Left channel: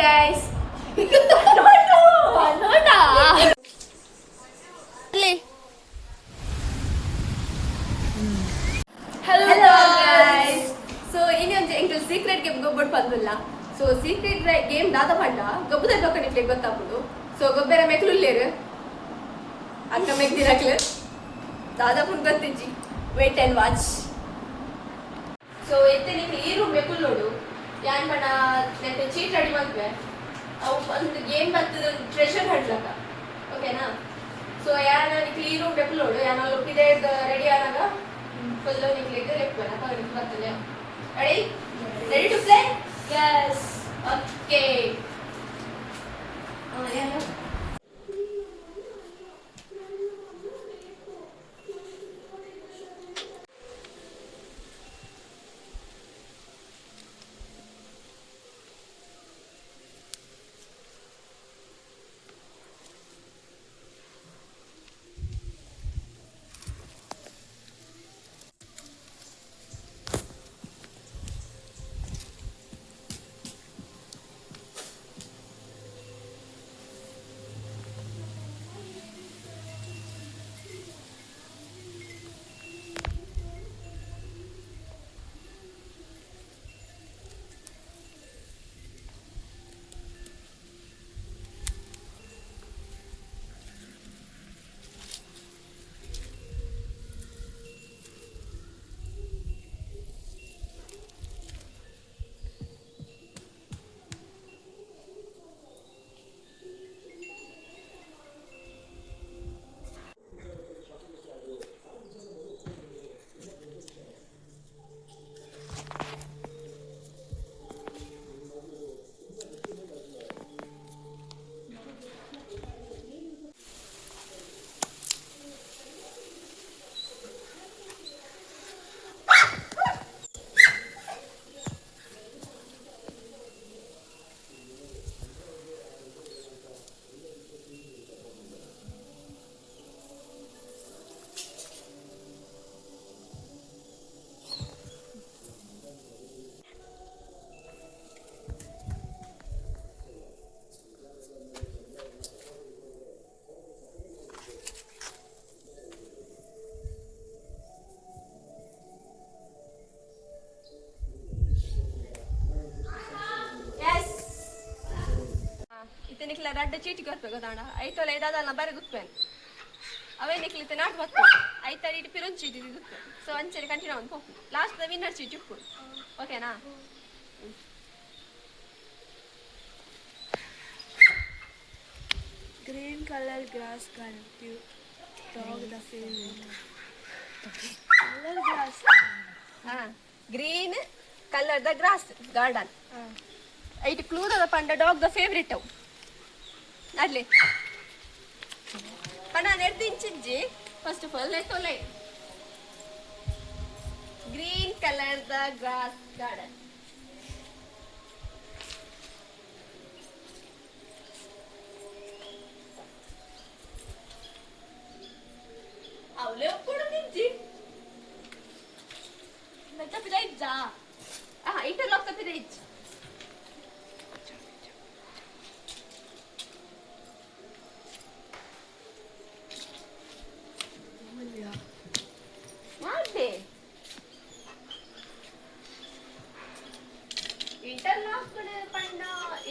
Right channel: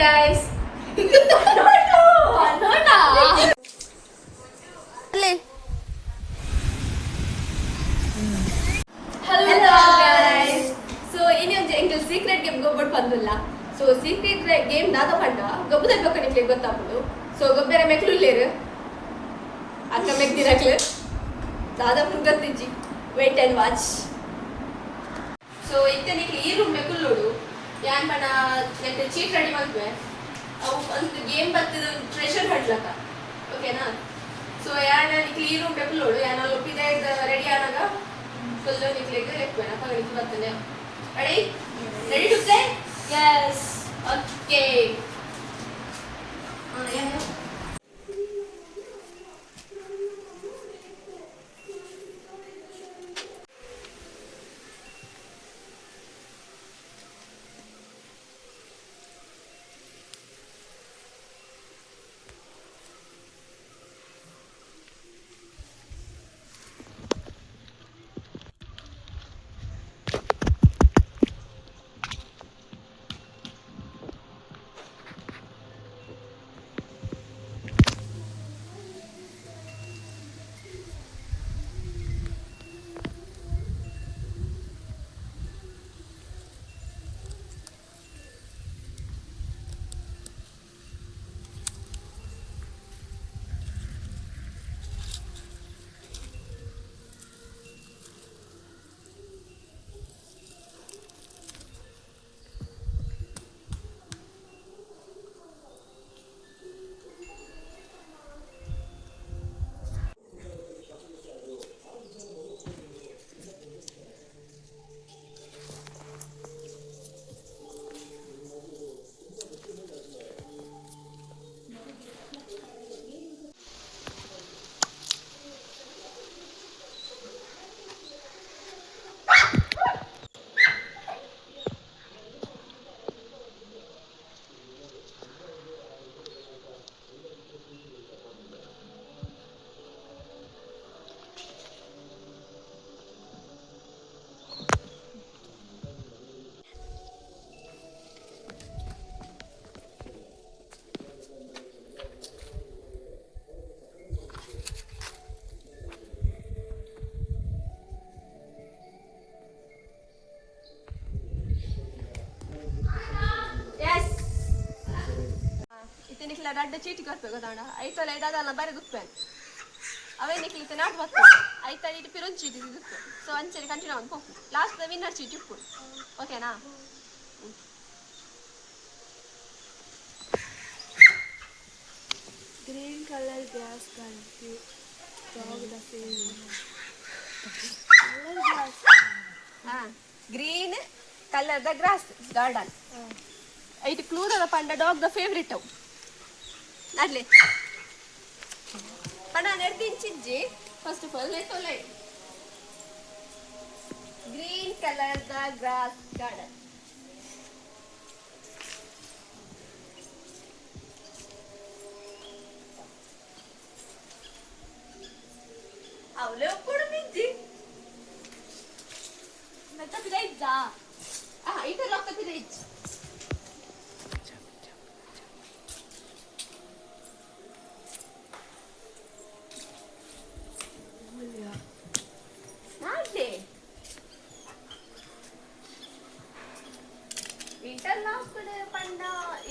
guys. Hello guys. So ini onje enkel secret game gobbot pandulla. So secret game dada panda gobbuda bekkani play gottapudu. So gobbera meklu leru. Akka mek dirakle. Dada pun gottinji. Wait and watch. So itteni ee room meklu nodu. ಯಾನ್ ಪಣ net cheat ready ಮಾಡ್ವೆ ಅವು ಒಂದು game ಬರ್ತದೆ treasure ಹಡ್ಲಕ್ಕ ಓಕೆನಾ so ಯಾನ್ ಈ room ಡೆಪ್ಲೋಡು ಯಾನ್ ಲೊಪ್ಪಿದೆ ready ಆನಾಗ full ನಿಕ್ಲಿಗೆ ಲೆಕ್ವೇನ ಪಗಲಿಕ್ಕೆ ಬರ್ತದೆ ready to play yes okay ನಿಕ್ಲ ರಡ್ಡ ಚೀಟಿ ಕಟ್ಬೇಕು ಗೊತ್ತಾಂಡ ಐತೊಲೆ ಇದಾದಲ್ಲ ಬರೀ ಗುತ್ತೇನೆ ಅವೇ ನಿಕ್ಲಿತೆ ನಾಟ್ ಬರ್ತದೆ ಐತಡಿ ಇಟ್ಟು ಪಿರೊಂದು ಚೀಟಿ ಗುತ್ತೆ ಸೊ ಅಂಚೆರಿ ಕಂಟಿನ್ಯೂ ಒಂದು ಹೋಗ್ತು ಲಾಸ್ಟ್ ವಿನ್ನರ್ ಚೀಟಿ ಉಪ್ಪು ಓಕೆನಾ Green color grass country dog the favorite color grass green colour the grass garden ಐಟ್ ಕ್ಲೂದ್ ಅದ ಪಂಡ ಡಾಗ್ ದ ಫೇವ್ರೇಟ್ ಅವು ಅಡ್ಲಿ ಪಣ ನೆರ್ದಿಂಚಿಜ್ಜಿ ಫಸ್ಟ್ ಆಫ್ ಆಲ್ ನೆತ್ತೊಲೆ green colour the grass garden ಅವಳು ಕೂಡ ನಿಜ್ಜಿ ನಟ ಪಿರೈಜ್ಜ ಇಟಲ್ ಆಫ್ ದ ಪಿರೈಜ್ ಇಂಟರ್ಲಾಕ್ ಪಂಡ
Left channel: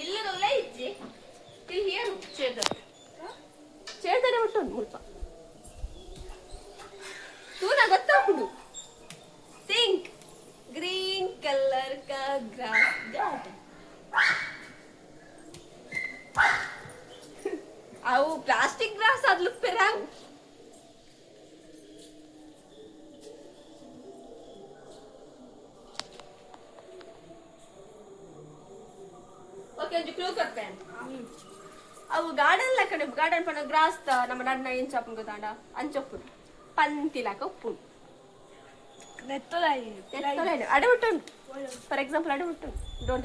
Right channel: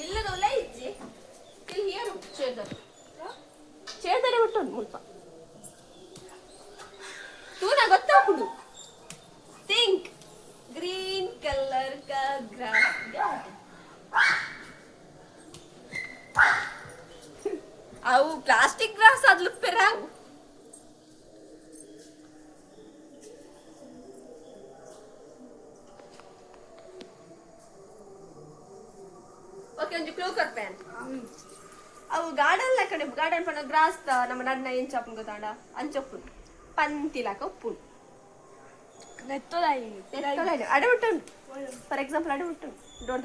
ಇಲ್ಲದಲ್ಲ ಇಜ್ಜಿ ಇಲ್ಲಿ ಹಿಯರ್ ಚೇರ್ದರೆ ಉಂಟು ಮುಲ್ಪ ತೂನ ಗೊತ್ತಾಗುದು ಥಿಂಕ್ ಗ್ರೀನ್ ಕಲರ್ का ग्रास गार्डन ಅವು ಪ್ಲಾಸ್ಟಿಕ್ ಗ್ರಾಸ್ ಅದ್ಲು ಪೆರಾವು ಓಕೆ ಒಂದು ಕ್ಲೂ ಕೊಡ್ತೇನೆ ಅವು ಗಾರ್ಡನ್ ಲಕ್ಕನೆ ಗಾರ್ಡನ್ ಪನ ಗ್ರಾಸ್ ತ ನಮ್ಮ ನನ್ನ ಏನ್ ಚಾಪ್ ಗೊತ್ತಾಂಡ ಅಂಚೊಪ್ಪು ಪಂತಿಲಾಕ ಉಪ್ಪು ನೆತ್ತೊಲಾಯಿ ಅಡವುಟ್ಟುಂಡು ಫಾರ್ ಎಕ್ಸಾಂಪಲ್ ಅಡವುಟ್ಟುಂಡು ಡೋರ್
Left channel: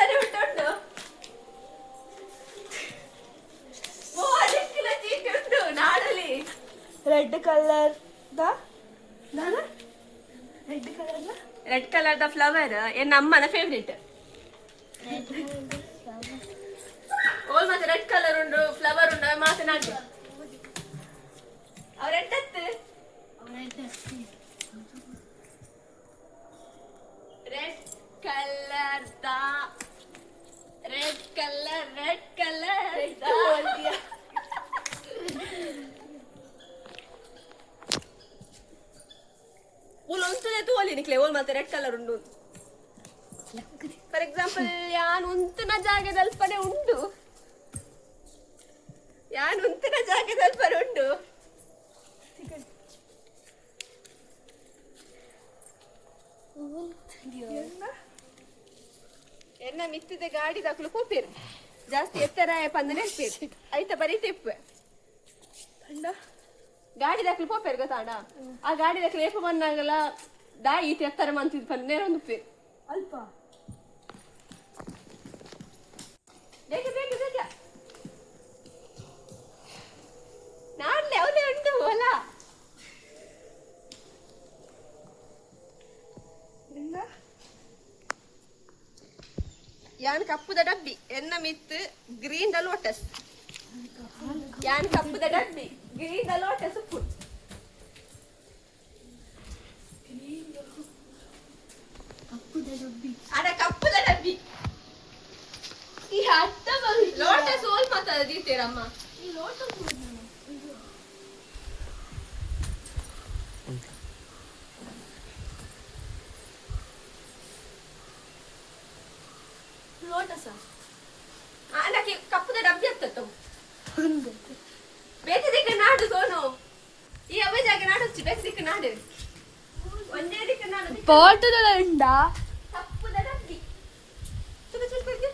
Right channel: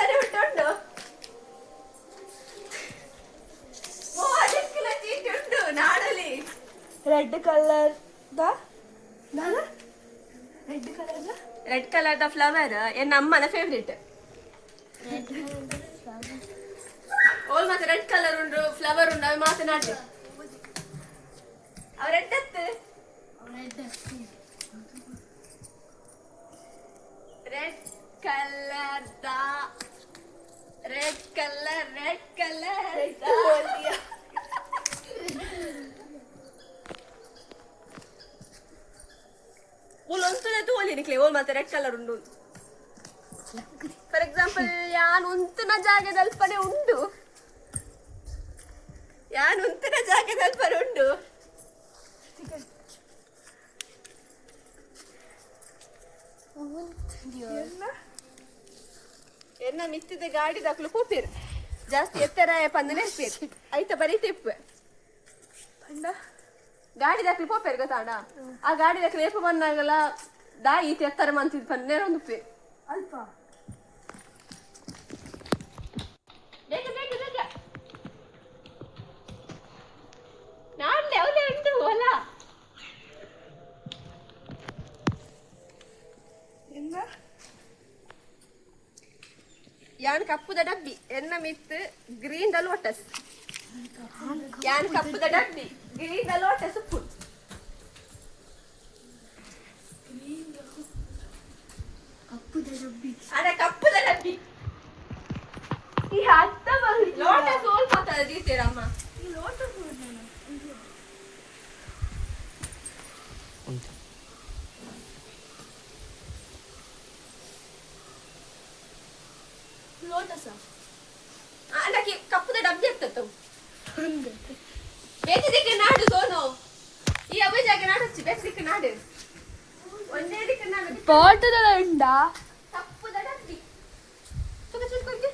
ತಡೆ ಉಂಟು ಓ ಅದಕ್ಕಿನ ಚೀಟಿ ಉಂಟು ನಾಡಲಿ red colour the red colour the flower ನನ್ನ ಅಮ್ಮನ ಫೇವ್ರೇಟ್ ಓಲ್ ಮತ್ತೆ ರೆಡ್ ಕಲರ್ ಉಂಡು ಫ್ಲವರ್ ಉಂಡು ಅವು ಮಾತನಾಡಿ ಅವ್ ರೆಡ್ ಅತ್ತು ರೆಡ್ ಕಲರ್ ರೆಡ್ ಕಲರ್ ಓಲ್ ಒಂತನೇ ತೋಲಿ ನಿಕ್ಲೆ ಓಲ್ ಮತ್ತೆ ರೆಡ್ ಕಲರ್ ಉಂಡು ಫಾರ್ ಎಕ್ಸಾಂಪಲ್ ಯಾನ್ ಉಂತನ ಜಾಗದಲ್ಪನೆ ಉಂಡು ಎನ್ನ ಮಿತ್ತಿದ ಗಾಡಿ ದಾಖಲು ಕೂಪೇರು ಜಾಸ್ತಿ ಎತ್ತರ ಪಂದನೆ ಐತ ಬರೀ ತಿಪ್ಪು ಗಾಡಿ ದಾಖಲು ಪೋಪೇರು ಗೊತ್ತಾಡ ಆ ಗಾಡಿ ದಾಖಲು ಏಪ ಬಂದಾಗಲ್ಲ ದಾಯಿ ಎತ್ತರ ಮಂತಿದ್ ಪಂದನೆ ಒಂದು ಪೇರು ಅಲ್ಪ ನಾಳೆ ಅವನೇ ಉಂಟು ಹೊಲ ಯಾನ್ ಕಪ್ಪುದ ಡಬ್ಬಿ ಎನ್ನ ಮಿತ್ತು ಗ್ರೀನ್ ದ ಲೋಟಸ್ ಯಾನ್ ಕಪ್ಪುದ ಡಬ್ಬಿ ಗ್ರೀನ್ ದ ಲೋಟಸ್ ಉಪ್ಪು ಅಡ ಕಪ್ಪುದ ಡಬ್ಬಿ ಈ ಹತ್ತ ಲೋಟಸ್ ಸ್ವಲ್ಪ ದೀತೀರಮ್ಮ ಈ ಲೋಟಸ್ ಲೋಟಸ ಅದಕ್ಕೆ ಕಪ್ಪುದ ಡಬ್ಬಿ ಇರ್ತತ್ತು ಬೇಸಿಗೆ ನಾಡು ಸೋನು ಈ ಅವೇ ಜಾಗ ನಾಡಚ್ಚಿ ಬೇಸಿಗೆ ನಾಡು ಒಂದೇ ದಿಕ್ಕ ನಾಡು ಪಾಟದ ಉಂಡ ಕಪ್ಪುದ ಡಬ್ಬಿ ತುಗ ಚಿಲ್ಕೊಯ್ಗೆ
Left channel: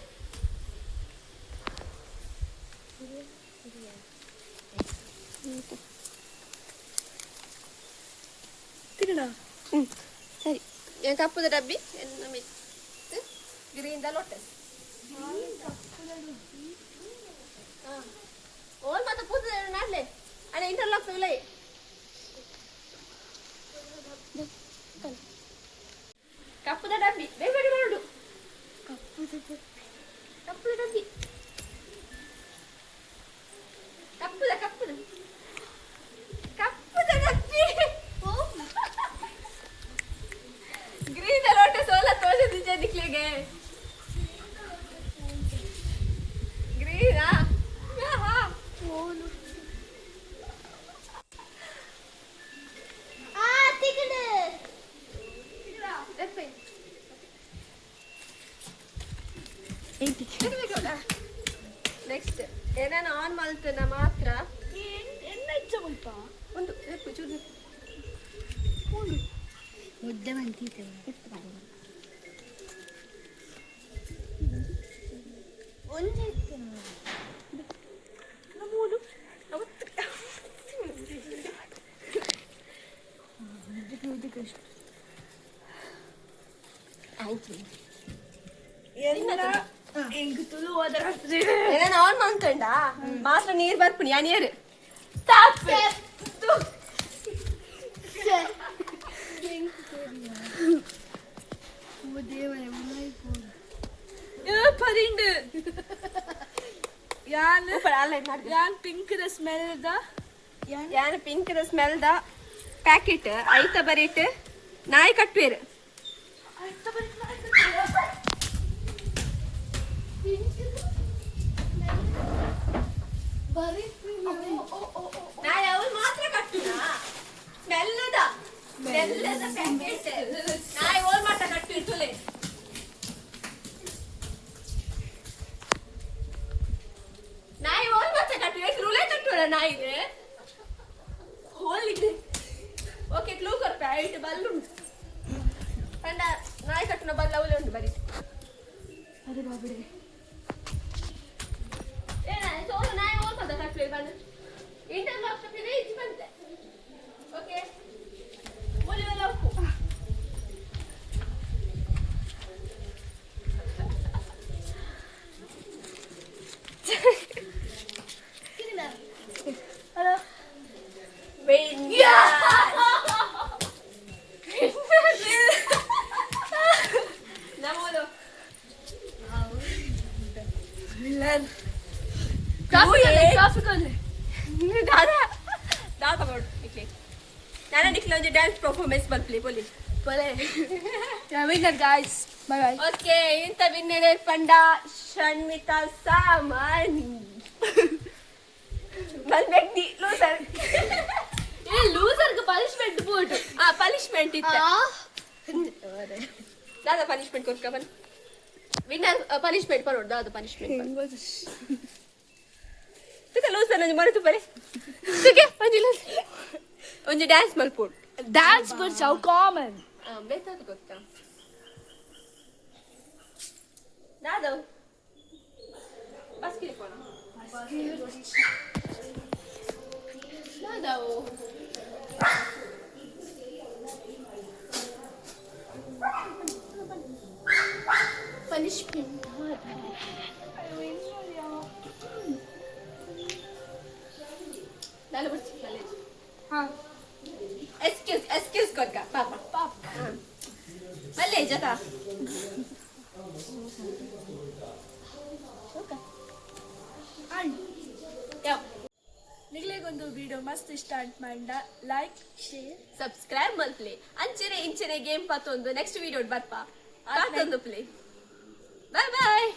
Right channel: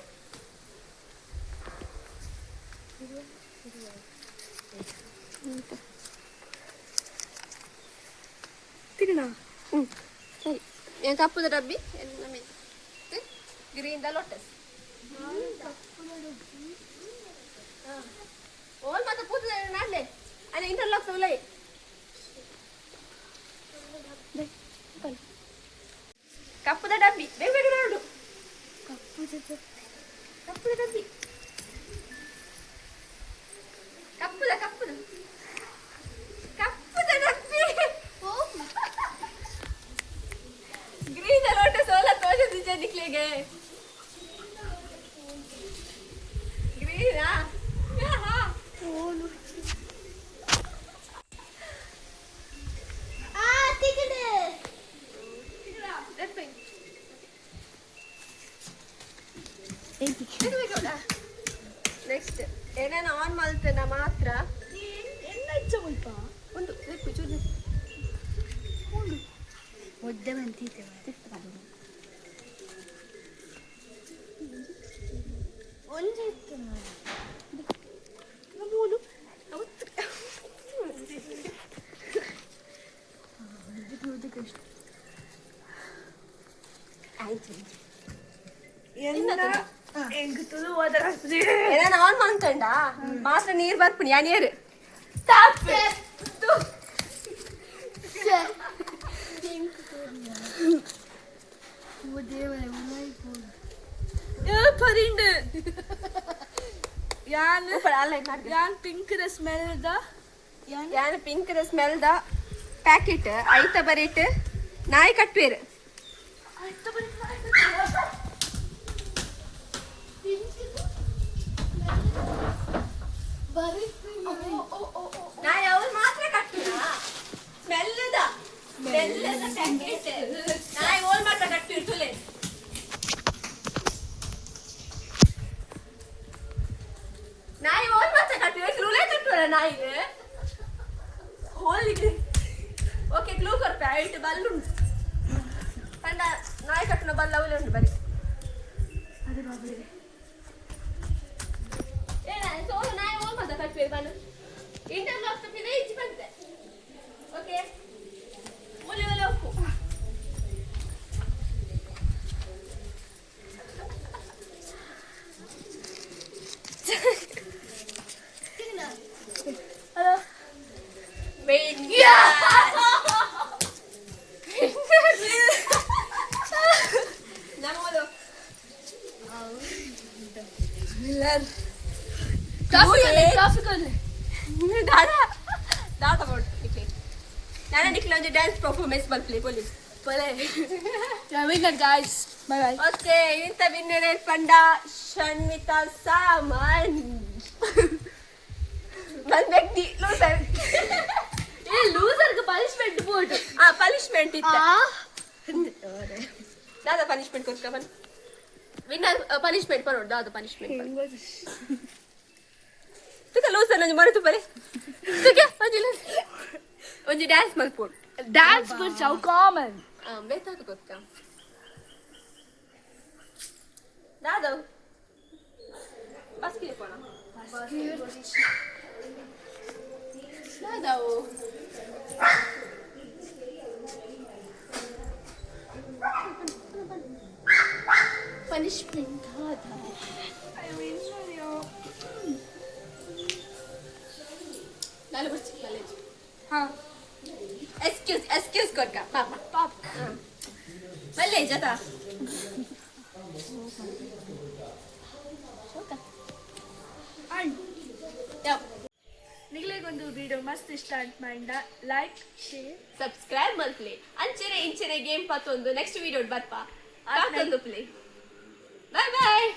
ತಿರುಣ ಸರಿ ಏನ್ ಕಪ್ಪುದ ಡಬ್ಬಿ ಗ್ರೀನ್ ದ ಲೋಟಸ್ ಓಲ್ ಮತ್ತೆ ಪೂಜೆ ಮಾಡ್ಲೆ ಅಣ್ಣ ಇಂಟರ್ಲಾಕ್ ನೋಲೆ ಕಪ್ಪುದ ಡಬ್ಬಿ ಬೇಗ ಬೇಗ ನೋಡು ಕಪ್ಪುದ ಡಬ್ಬಿ ಕಪ್ಪುದ ಕಪ್ಪುದ ಡಬ್ಬಿ ಗ್ರೀನ್ ಲೋಟಸ್ ಓಲ ತೋಜ ದಿಜ ನಿಕ್ಲೆಗೆ ಗ್ರೀನಾ ಹಾ ಓಲು ಆ ತಿಕಡೆ ದೆಪ್ಪೆ ನೆಕ್ಸ್ಟ್ ಏನೇನು ಆನ್ ಮಾಡ್ತೇನ ಮಾತ್ರ ಎನ್ನ ಇಚ್ಛೆ ಮುಲ್ಪ ಒಂದು ದೆಪ್ಪು ಚೂರು ಒಂದು ಮುದ್ದೆ ಬಂತಿದ್ದೇವೆ ಒಂದು ನಮೂಲು ಏನೇನು ಆನ್ ಮಾಡ್ಕೊಂಡ ಮಾತ್ರ ನೀರು ಬರ್ಪುನಿ ಯಾ ನೀರು ಪರಿಂಡು ಯಾನ್ ಅಲ್ಲ ಯಾನ್ ಪಿಂಕ್ ದ ಸ್ಮೆಲ್ ದ ಯಾನ್ pink the smell the packet ಐತ ಬರೀಟ್ ನಾಯಿ ಕಟ್ಪೇರು ನಾಯಿ ಅವ್ರು ಮಾತ್ರ ಕಟ್ಪಿಲ್ಲ ಸ್ಮೆಲ್ಲದ ಪ್ಯಾಕೆಟ್ ನಾಯಿ ಓಲ್ ಮಾತ್ರ ಕಟ್ಪಿರ್ತಲೆ ನಾಯಿ ಓಲ್ ಮಾತ್ರ ಕಟ್ಟಿ ರೂಲೇ ತುಟ್ಟುವಲ್ಲ ನಾಯಿಗೆ ಹೋಲಿಗೆ ಓಕೆ ಕ್ಲೂ ಕೊಡ್ತಾ ಐಟ್ ಬಲ್ಲುಂಟು ಕಂಡ ನಾಯಿ ಕಟ್ಟಿನ ಬಲ್ಲ ಅವಲೇ ಉಂಟು ಬರೀ ಅದೇ ಬಾಬುಡೆ ಸೋಲು ನಾಯಿ ಓಲ್ ಮಾತ್ರ ಕಟ್ಲಿ ಬನ್ನು ಇಂಟರ್ಲಾಕ್ ಕಟ್ಟಿದ್ರೆ ಈಚೆ ಬಂತೆ ಓಕೆ ಮೂಲಿಗೆಲ್ಲ ಉಪ್ಪು ನಮ್ಮದು ಮಿಲ್ಲರ್ ದಾದ ಕೊಡು ನಿಕ್ಲೆ ನಾನು ನಿಕ್ಲೆ ಒಂದು ಡ್ಯಾನ್ಸ್ ಪರ್ಫಾರ್ಮೆನ್ಸ್ ಬರ್ಪ್ಲಿ police winner guys bye bye okay ಇಂಥ ವಿನ್ನರ್ ಕಂಡ ಷಣ್ಮಿತಾ ಸಾಮಾನ್ ನನ್ನ ವ್ಯಕ್ತಿ ಲೂಸರ್ ಲೂಸರ್ಗೆ ಪನಿಷ್ಮೆಂಟ್ ಬೋರ್ಡ್ ಪನಿಷ್ಮೆಂಟ್ ಇತ್ತು ದಾದ ಪನಿಷ್ಮೆಂಟ್ ಕೊಡ್ಕ ಬನ್ ವಿನ್ನರ್ ಪನಿಷ್ಮೆಂಟ್ ಬರೋದು ದಾದ ಪನಿಷ್ಮೆಂಟ್ ತುಕ ಲೂಸರ್ ನಂಗೆ ಮರೆತು ಬರೆ ತುಕೆ ಒಂಜಿ ಡ್ಯಾನ್ಸ್ ಮಲ್ಪೋಡು ಡ್ಯಾನ್ಸ್ ಬೋರ್ಡ್ ಸೌ ಕಾಮನ್ ಬೇಕಾದ ಗೊತ್ತಾ ದಾದ ಬಸ್ ಕಿರಿ ಪೋಣ ದಾದವು ಪನಿಷ್ಮೆಂಟ್ ನಾನು ಬರ್ತೀನಿ ಕಾಲೇಜ್ ಹಾಂ ಎಕ್ಸ್ಕ್ಯೂಸ್ ಕೊಡ್ಕ ಪಾಪ ಪಾಪ ಮಲ್ಲೆ ಜತ ನಿಗ್ಲಿಗೊಂದು ವಿಡಿಯೋ ಮಸ್ತ್ ಇಷ್ಟ ಅಂತ ಮಾಡಿದ ಲೈಕ್ ಶೇರ್ ಸಬ್ಸ್ಕ್ರೈಬ್ ಮಲ್ಪ್ಲೆ ಅಂಚೆನೆ ಇಂಚೆನೆ ಗೇಮ್ ಪತ್ತೊಂದು ನೆಕ್ಸ್ಟ್ ವಿಡಿಯೋ ಬರ್ಪಾ ಪಾತೊಂದು ಪ್ಲೇ ಬಾಯ್ ಬಾಯ್